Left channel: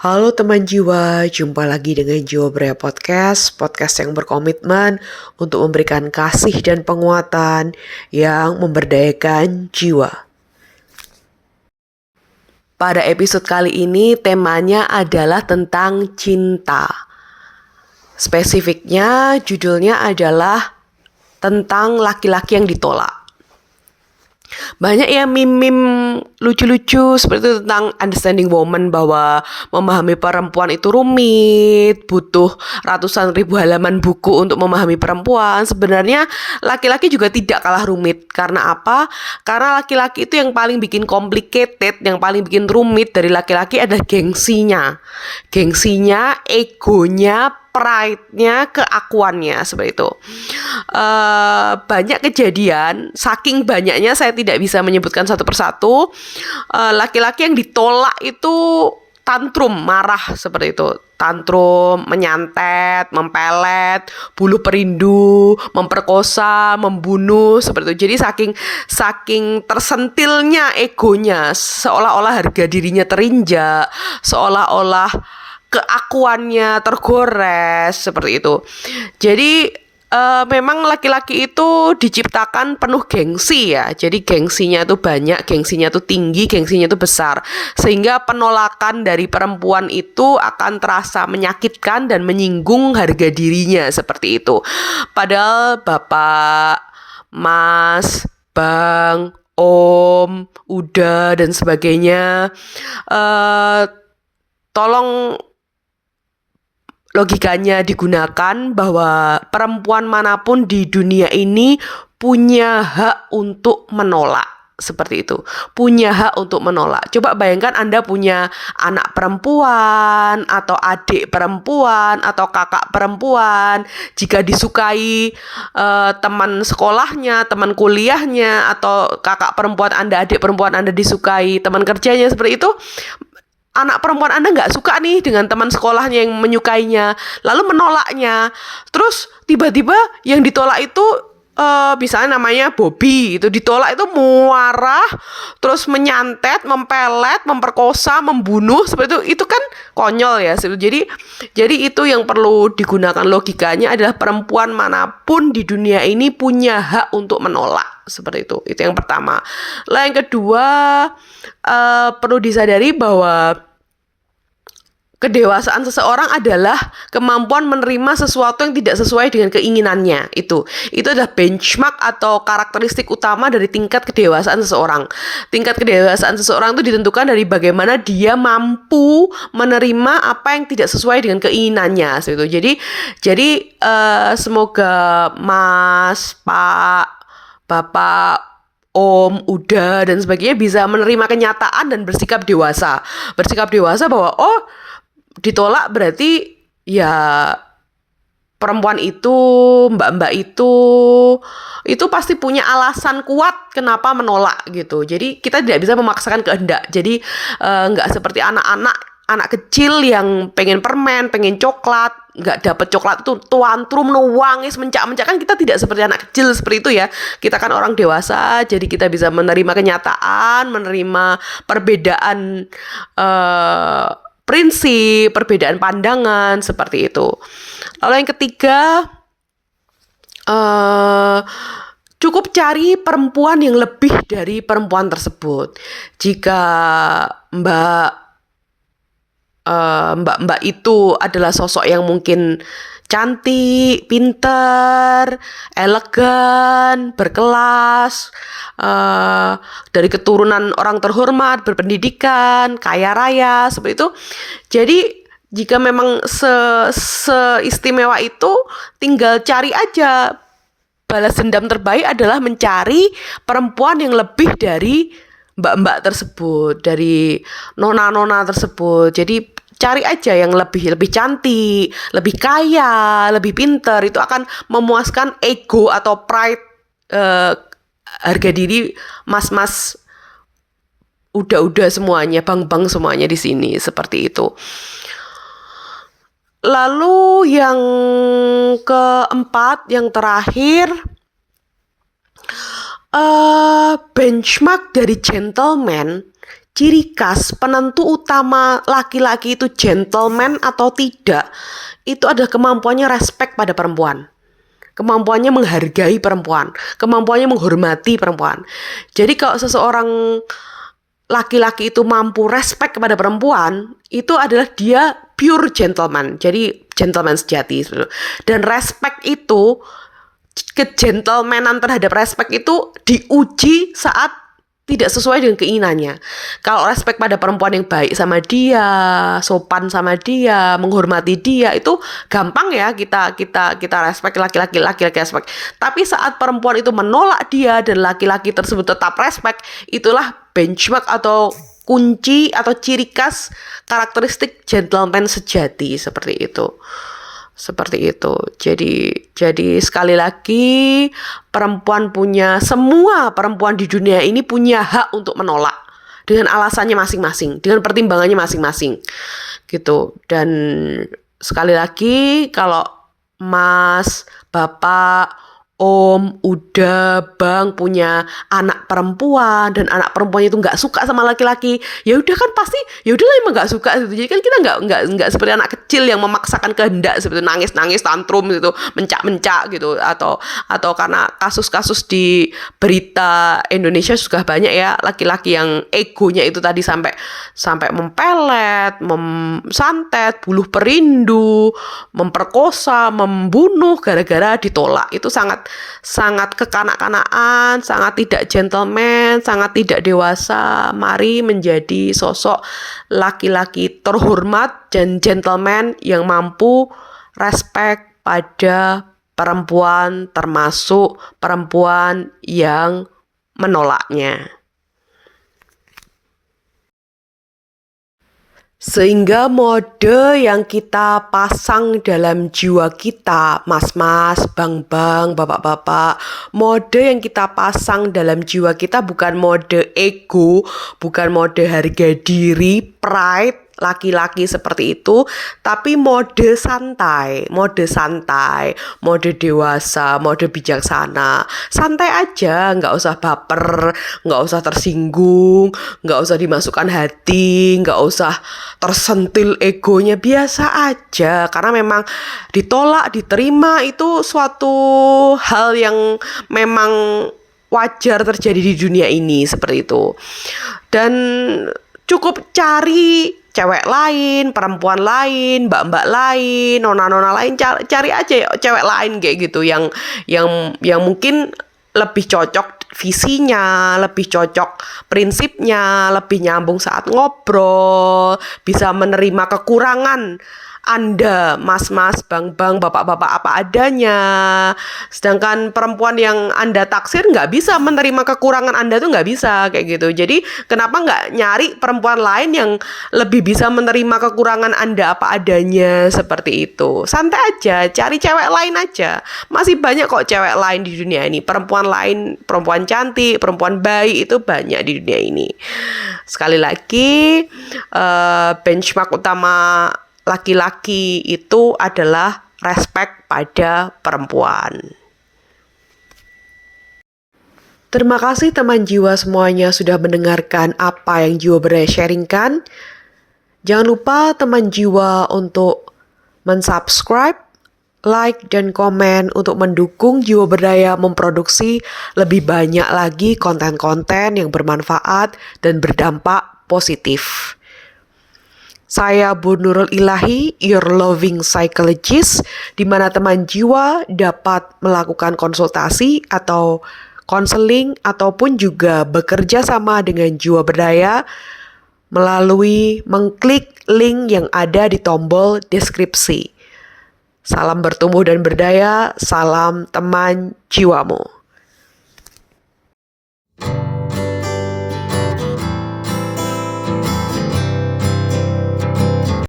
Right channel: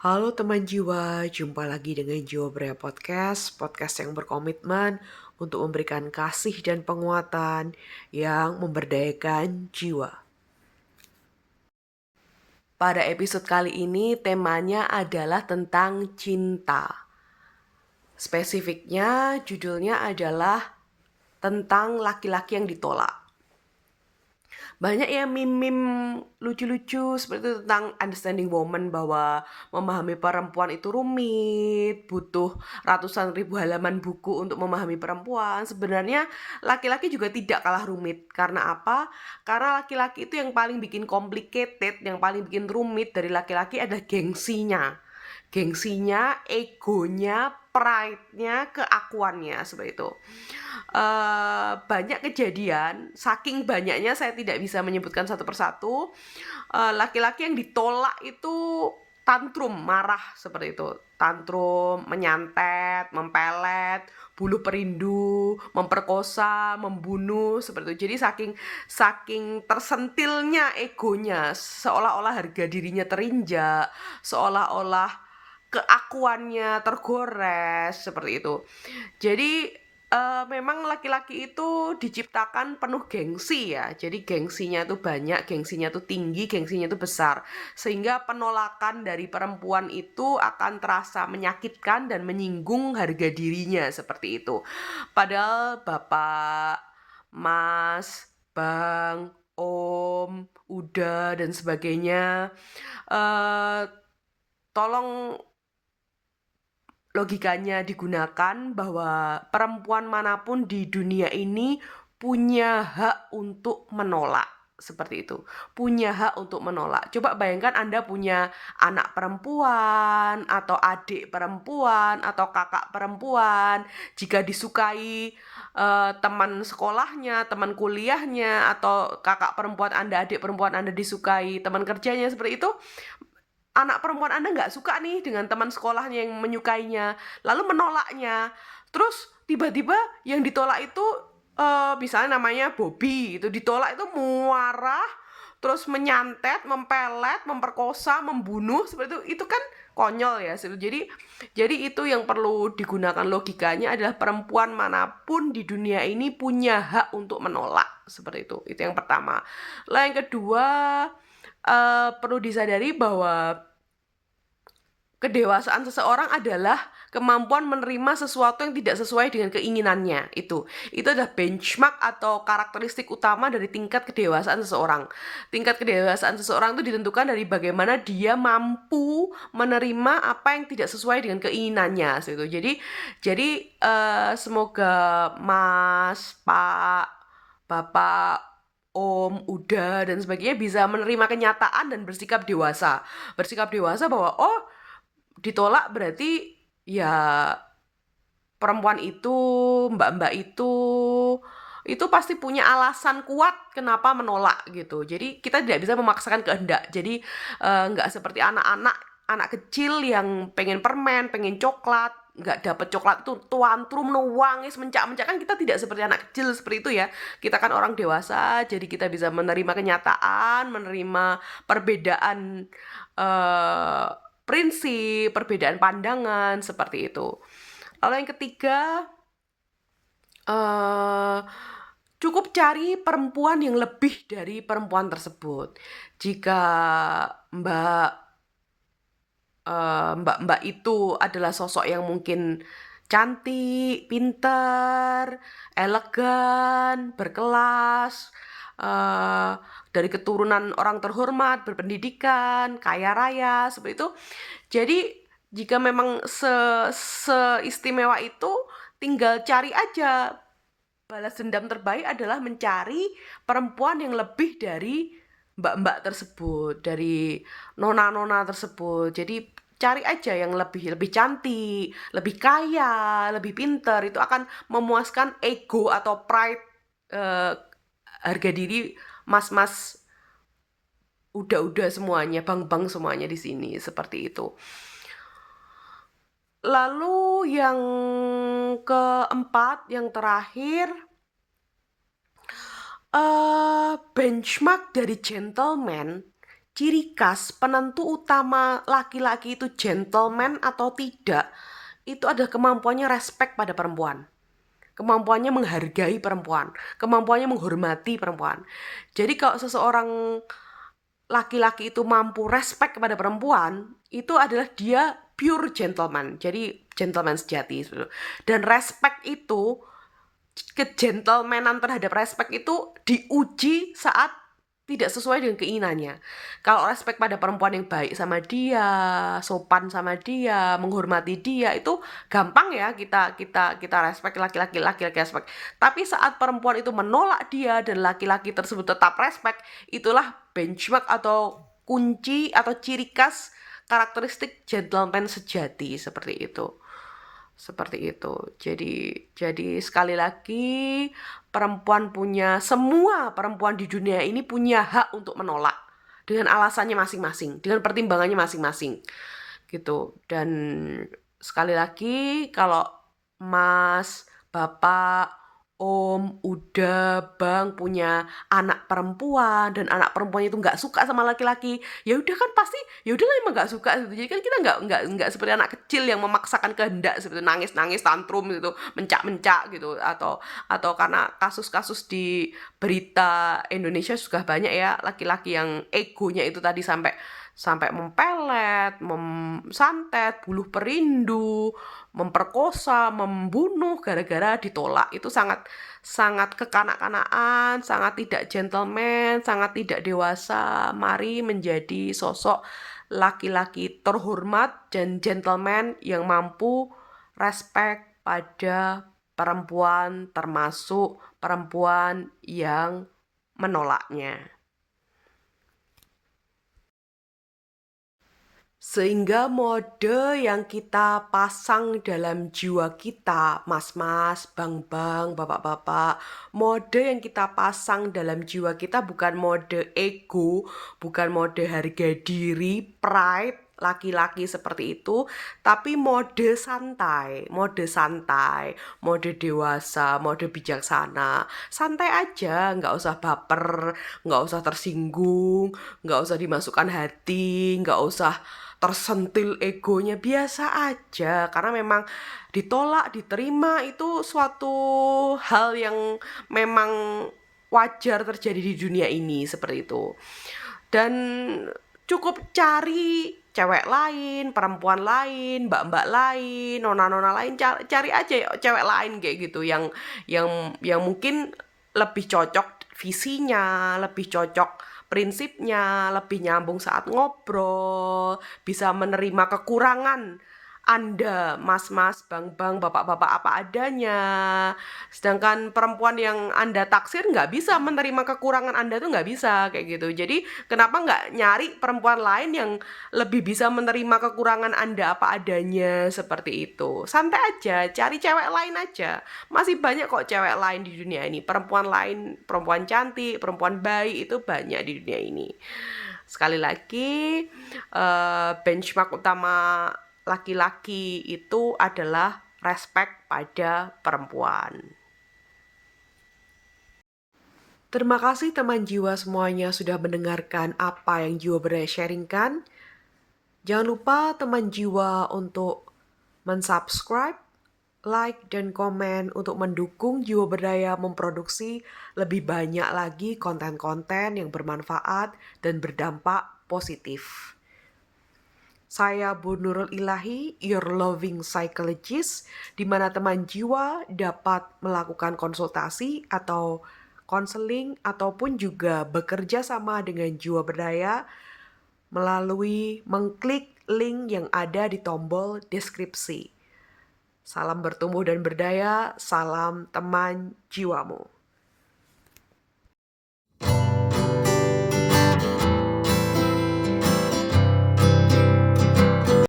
Halo teman jiwa, jumpa lagi dengan Jiwa Brea podcast yang berkomitmen untuk memberikan kasih dan penguatan yang memberdayakan jiwa. Pada episode kali ini temanya adalah tentang cinta. Spesifiknya judulnya adalah tentang laki-laki yang ditolak. Banyak ya meme-meme lucu-lucu seperti itu tentang understanding woman, bahwa memahami perempuan itu rumit, butuh ratusan ribu halaman buku untuk memahami perempuan. Sebenarnya laki-laki juga tidak kalah rumit. Karena apa? Karena laki-laki itu yang paling bikin complicated, yang paling bikin rumit dari laki-laki adalah gengsinya. Gengsinya, egonya, pride-nya, keakuannya, seperti itu. Banyak kejadian, saking banyaknya saya tidak bisa menyebutkan satu persatu. Laki-laki yang ditolak itu tantrum, marah seperti itu. Tantrum, menyantet, mempelet, buluh perindu, memperkosa, membunuh seperti itu. Jadi saking tersentilnya egonya, seolah-olah harga dirinya terinjak, seolah-olah keakuannya tergores seperti itu. Jadi memang laki-laki itu diciptakan penuh gengsi ya. Jadi gengsinya itu banyak, gengsinya itu tinggi, gengsinya itu besar. Sehingga penolakan dari perempuan itu akan terasa menyakitkan dan menyinggung harga dirinya seperti itu. Padahal bapak, mas, bang, om, uda dan sebagainya, tolong logikanya digunakan bahwa perempuan manapun di dunia ini punya hak untuk menolak. Seperti itu, punya hak untuk menolak. Coba bayangkan Anda punya anak perempuan atau adik perempuan atau kakak perempuan. Jika disukai teman sekolahnya, teman kuliahnya, atau kakak perempuan Anda, adik perempuan Anda disukai teman kerjanya seperti itu, anak perempuan Anda nggak suka nih dengan teman sekolahnya yang menyukainya, lalu menolaknya. Terus tiba-tiba yang ditolak itu misalnya namanya Bobby, itu ditolak itu marah, terus menyantet, mempelet, memperkosa, membunuh seperti itu kan konyol ya. Jadi itu yang perlu digunakan logikanya adalah perempuan manapun di dunia ini punya hak untuk menolak seperti itu. Itu yang pertama. Lalu yang kedua, perlu disadari bahwa kedewasaan seseorang adalah kemampuan menerima sesuatu yang tidak sesuai dengan keinginannya. Itu adalah benchmark atau karakteristik utama dari tingkat kedewasaan seseorang. Tingkat kedewasaan seseorang itu ditentukan dari bagaimana dia mampu menerima apa yang tidak sesuai dengan keinginannya. Jadi semoga Mas, Pak, Bapak, Om, Uda dan sebagainya bisa menerima kenyataan dan bersikap dewasa. Bersikap dewasa bahwa ditolak berarti ya perempuan itu, mbak-mbak itu pasti punya alasan kuat kenapa menolak gitu. Jadi kita tidak bisa memaksakan kehendak. Jadi nggak seperti anak kecil yang pengen permen, pengen coklat, nggak dapet coklat itu tuantrum, nangis, mencak-mencak. Kan kita tidak seperti anak kecil seperti itu ya. Kita kan orang dewasa, jadi kita bisa menerima kenyataan, menerima perbedaan prinsip, perbedaan pandangan seperti itu. Lalu yang ketiga, cukup cari perempuan yang lebih dari perempuan tersebut. Jika mbak itu adalah sosok yang mungkin cantik, pintar, elegan, berkelas, dari keturunan orang terhormat, berpendidikan, kaya raya, seperti itu. Jadi jika memang seistimewa itu, tinggal cari aja. Balas dendam terbaik adalah mencari perempuan yang lebih dari mbak-mbak tersebut, dari nona-nona tersebut. Jadi cari aja yang lebih cantik, lebih kaya, lebih pintar. Itu akan memuaskan ego atau pride, harga diri mas-mas, udah semuanya, bang-bang semuanya di sini seperti itu. Lalu yang keempat, yang terakhir, benchmark dari gentleman ciri khas penentu utama laki-laki itu gentleman atau tidak, itu adalah kemampuannya respect pada perempuan. Kemampuannya menghargai perempuan, kemampuannya menghormati perempuan. Jadi kalau seseorang laki-laki itu mampu respect kepada perempuan, itu adalah dia pure gentleman. Jadi gentleman sejati. Dan respect itu, kegentlemanan terhadap respect itu diuji saat tidak sesuai dengan keinginannya. Kalau respect pada perempuan yang baik sama dia, sopan sama dia, menghormati dia, itu gampang ya kita respect, laki-laki respect. Tapi saat perempuan itu menolak dia dan laki-laki tersebut tetap respect, itulah benchmark atau kunci atau ciri khas karakteristik gentleman sejati seperti itu. Seperti itu. Jadi sekali lagi semua perempuan di dunia ini punya hak untuk menolak dengan alasannya masing-masing, dengan pertimbangannya masing-masing. Gitu. Dan sekali lagi kalau Mas, Bapak, Om, Uda, Bang punya anak perempuan dan anak perempuannya itu nggak suka sama laki-laki, ya udah kan pasti, ya udahlah emang nggak suka gitu. Jadi kan kita nggak seperti anak kecil yang memaksakan kehendak seperti nangis tantrum gitu, mencak gitu, atau karena kasus-kasus di berita Indonesia sudah banyak ya laki-laki yang egonya itu tadi sampai mempelet, santet, buluh perindu, memperkosa, membunuh gara-gara ditolak. Itu sangat kekanak-kanakan, sangat tidak gentleman, sangat tidak dewasa. Mari menjadi sosok laki-laki terhormat dan gentleman yang mampu respect pada perempuan, termasuk perempuan yang menolaknya. Sehingga mode yang kita pasang dalam jiwa kita, mas-mas, bang-bang, bapak-bapak, mode yang kita pasang dalam jiwa kita bukan mode ego, bukan mode harga diri, pride, laki-laki seperti itu, tapi mode santai, mode dewasa, mode bijaksana. Santai aja, nggak usah baper, nggak usah tersinggung, nggak usah dimasukkan hati, nggak usah tersentil egonya, biasa aja. Karena memang ditolak, diterima itu suatu hal yang memang wajar terjadi di dunia ini seperti itu. Dan cukup cari cewek lain, perempuan lain, mbak-mbak lain, nona-nona lain, cari aja cewek lain kayak gitu yang mungkin lebih cocok visinya, lebih cocok prinsipnya, lebih nyambung saat ngobrol, bisa menerima kekurangan Anda, mas-mas, bang-bang, bapak-bapak apa adanya. Sedangkan perempuan yang Anda taksir nggak bisa menerima kekurangan Anda tuh nggak bisa kayak gitu. Jadi kenapa nggak nyari perempuan lain yang lebih bisa menerima kekurangan Anda apa adanya seperti itu. Santai aja, cari cewek lain aja. Masih banyak kok cewek lain di dunia ini. Perempuan lain, perempuan cantik, perempuan baik itu banyak di dunia ini. Sekali lagi, benchmark utama laki-laki itu adalah respect pada perempuan. Terima kasih teman jiwa semuanya sudah mendengarkan apa yang Jiwa Berdaya sharingkan. Jangan lupa teman jiwa untuk mensubscribe, like, dan komen untuk mendukung Jiwa Berdaya memproduksi lebih banyak lagi konten-konten yang bermanfaat dan berdampak positif. Saya Bu Nurul Ilahi, your loving psychologist, di mana teman jiwa dapat melakukan konsultasi atau konseling ataupun juga bekerja sama dengan Jiwa Berdaya melalui mengklik link yang ada di tombol deskripsi. Salam bertumbuh dan berdaya, salam teman jiwamu.